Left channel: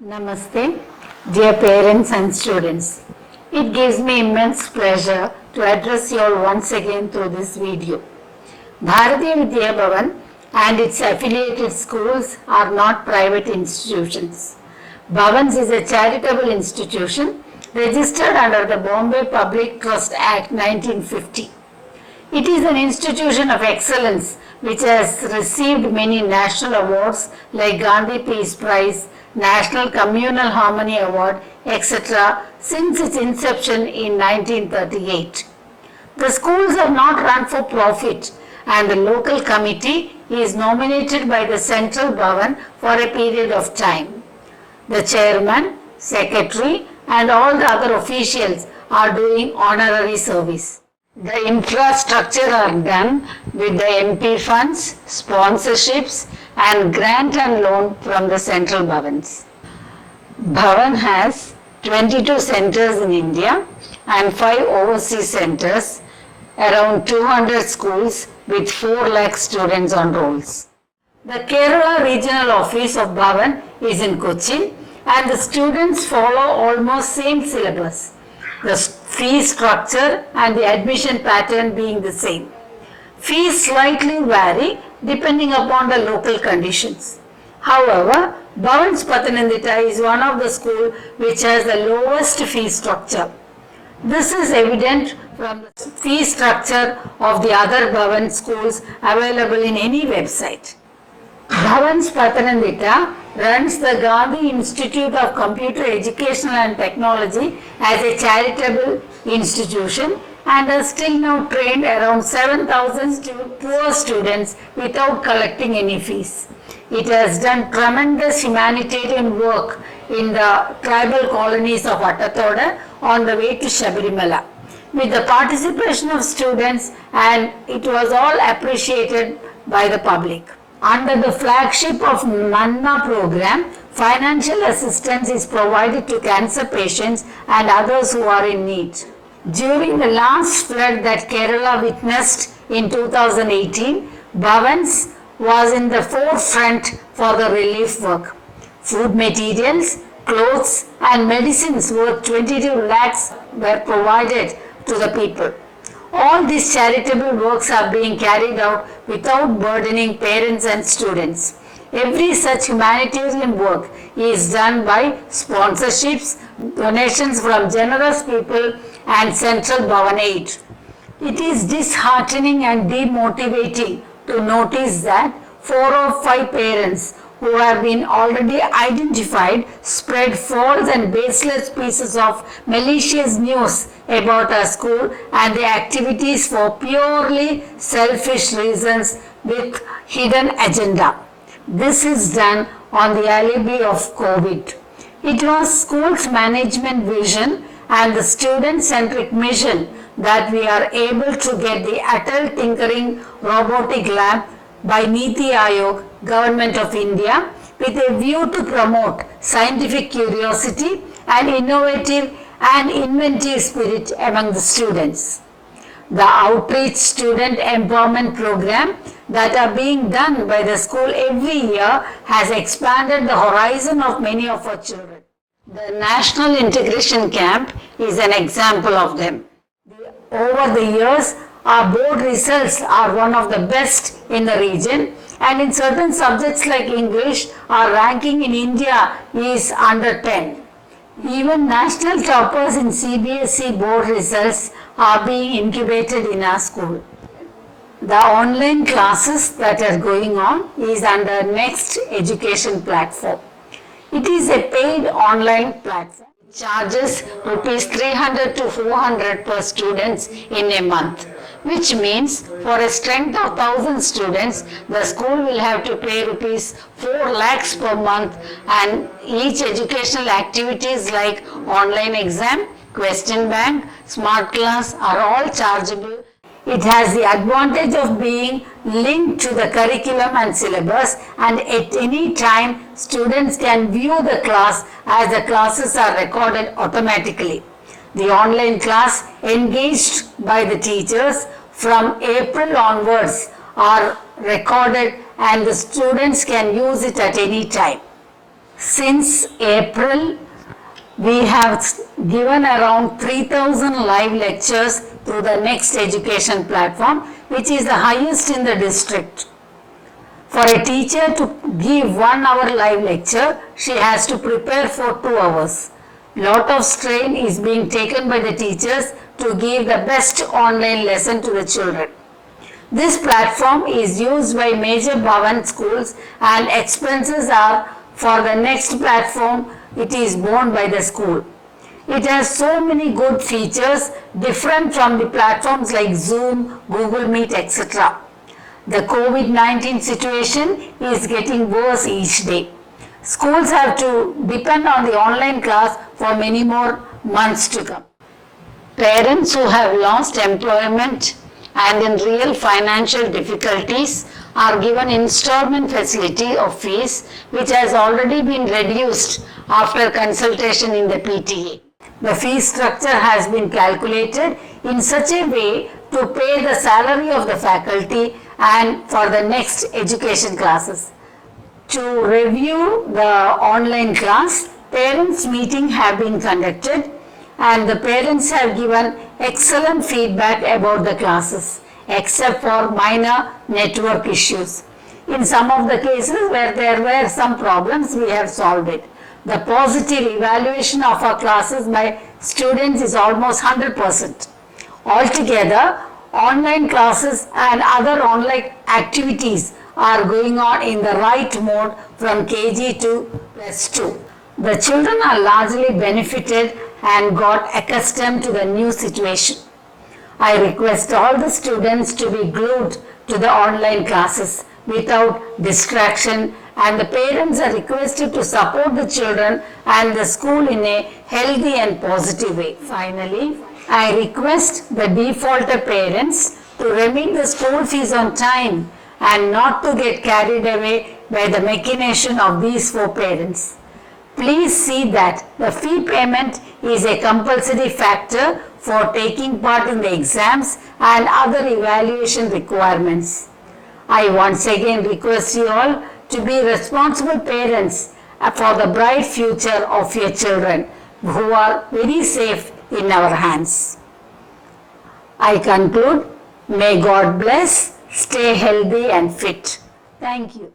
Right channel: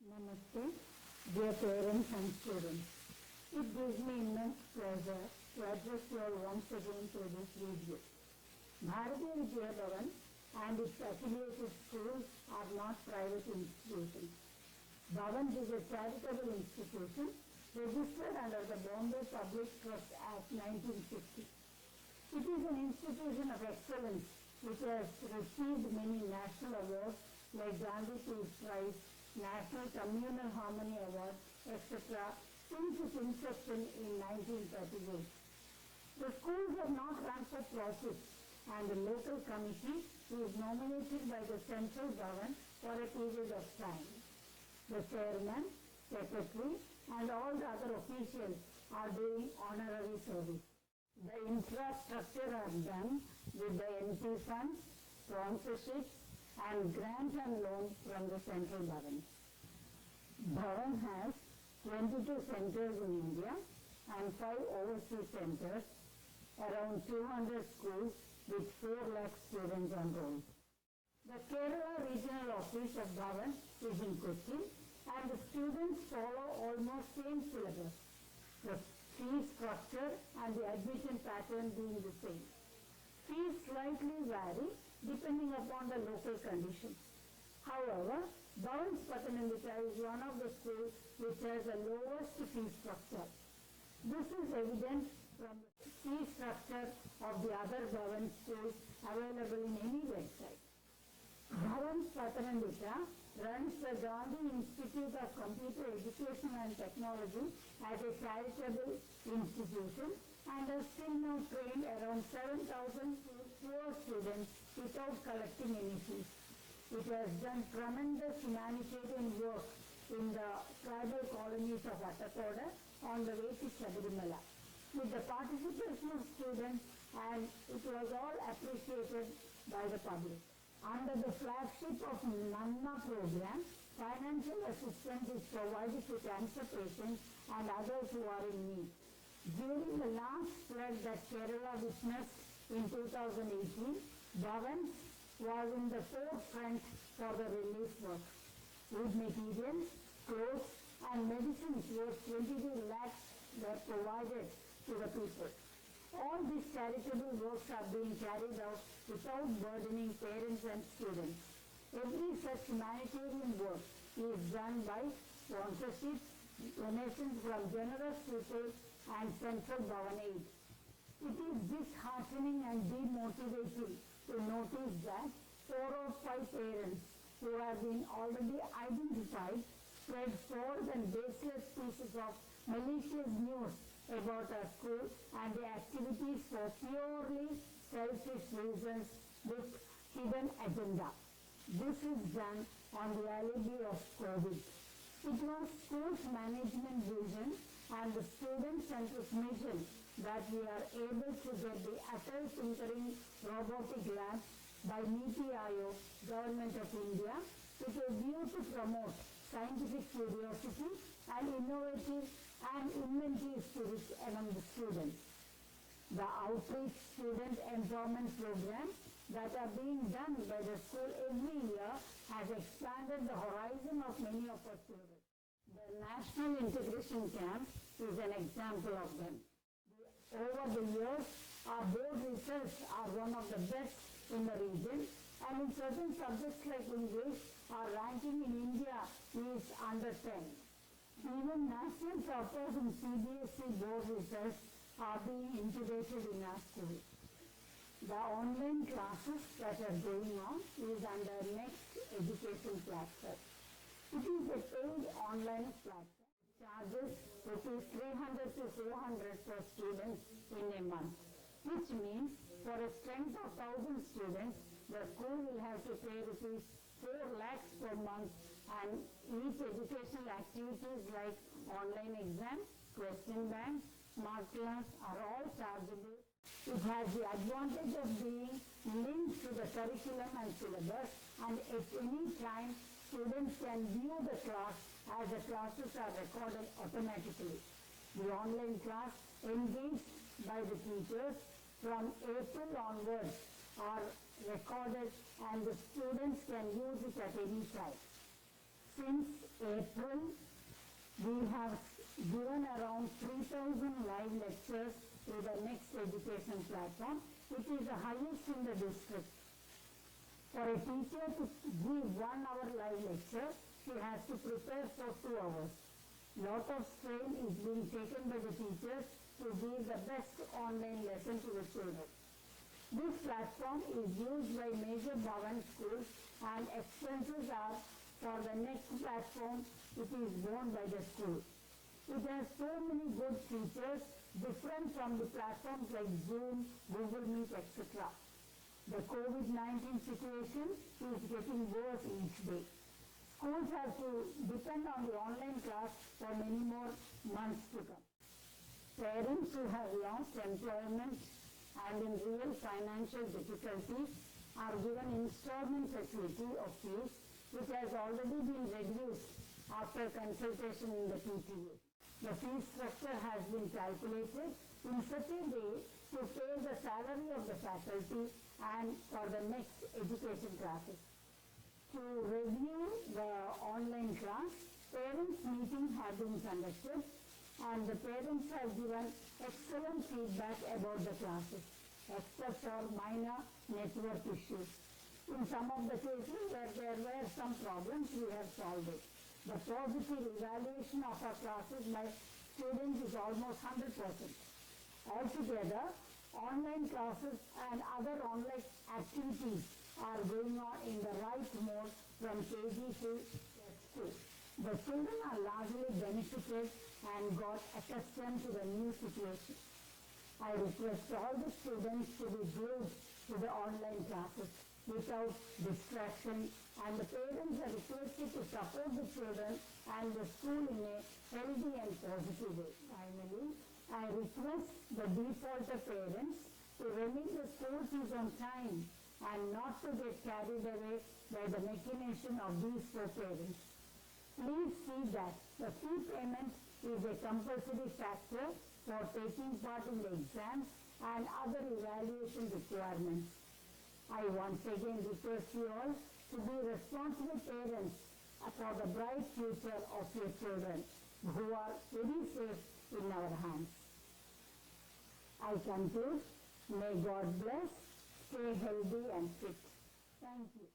Namaste, dear parents and students. It gives me immense pleasure to address you all once again through this video. Bharatiya Vidya Bhavan and its affiliated schools are not private institutions. Bhavans is a charitable institution registered under the Bombay Public Trust Act 1950. It is an institution of excellence which has received many national awards like Gandhi Peace Prize, National Communal Harmony Award, etc. since its inception in 1938. The schools are not run for profit and the local committee is nominated by the Central Bhavan for a period of time. The chairman, secretary and all the other officials are doing honorary service. The infrastructure are done with the MP funds, sponsorships and grant and loan from the central Bhavans. Bhavan has 22 centers in India and 5 overseas centers, around 200 schools with 4 lakh students on rolls. The Kerala regional office of Bhavan is in Kochi and the students follow almost same syllabus. The fee structure and the admission pattern being the same. Fees slightly vary depending upon the local conditions. However, Bhavans Pathanamthitta is one of the schools which has the lowest fee structure. This is evident from the fee structure of the other Bhavan schools available in any website. Bhavans Pathanamthitta runs the Gandhi Institute of Computer Education and Technology as a charitable institution and has till now trained around 7,000 poor students without collecting any fees. It has done tremendous humanitarian work in the tribal colonies of Attathoda on the way to Shabarimala with the participation of students, and it was all appreciated by the public. Under the flagship of Manna program, financial assistance is provided to cancer patients and others who are in need. During the last flood that Kerala witnessed in 2018, Bhavans was in the forefront for the relief work. Food materials, clothes and medicines worth 22 lakhs were provided to the people. All these charitable works are being carried out without burdening parents and students. Every such humanitarian work is done by sponsorships, donations from generous people and Central Bhavan aid. It is disheartening and demotivating to notice that 4 or 5 parents who have been already identified spread false and baseless pieces of malicious news about our school and the activities for purely selfish reasons with hidden agenda. This is done on the alibi of COVID. It was school's management vision and the student-centric mission that we are able to get the Atal Tinkering Robotic Lab by Niti Aayog, Government of India, with a view to promote scientific curiosity and innovative and inventive spirit among the students. The outreach student empowerment program that are being done by the school every year has expanded the horizon of many of our children. The National Integration Camp is an example of them. Over the years, our board results are one of the best in the region, and in certain subjects like English, our ranking in India is under 10. Even national toppers in CBSE board results are being incubated in our school. The online classes that are going on is under Next Education platform. It is a paid online platform. It charges rupees 300 to 400 per students in a month, which means for a strength of 1,000 students, the school will have to pay rupees 4 lakhs per month, and each educational activities like online exam, question bank, smart class are all chargeable. It has the advantage of being linked to the curriculum and syllabus, and at any time students can view the class as the classes are recorded automatically. The online class engaged by the teachers from April onwards are recorded and the students can use it at any time. Since April, we have given around 3,000 live lectures through the Next Education platform, which is the highest in the district. For a teacher to give 1 hour live lecture, she has to prepare for 2 hours. Lot of strain is being taken by the teachers to give the best online lesson to the children. This platform is used by major Bhavan schools and expenses are for the Next platform. It is borne by the school. It has so many good features different from the platforms like Zoom, Google Meet, etc. The COVID-19 situation is getting worse each day. Schools have to depend on the online class for many more months to come. Parents who have lost employment and in real financial difficulties are given installment facility of fees, which has already been reduced after consultation in the PTA. The fee structure has been calculated in such a way to pay the salary of the faculty and for the Next Education classes. To review the online class, parents meeting have been conducted and the parents have given excellent feedback about the classes, except for minor network issues. In some of the cases where there were some problems, we have solved it. The positive evaluation of our classes by students is almost 100%. Altogether, online classes and other online activities are going on in the right mode from KG to +2. The children are largely benefited and got accustomed to the new situation. I request all the students to be glued to the online classes without distraction, and the parents are requested to support the children and the school in a healthy and positive way. Finally, I request the defaulter parents to remit the school fees on time and not to get carried away by the machination of these 4 parents. Please see that the fee payment is a compulsory factor for taking part in the exams and other evaluation requirements. I once again request you all to be responsible parents for the bright future of your children who are very safe in our hands. I conclude, may God bless, stay healthy and fit. Thank you.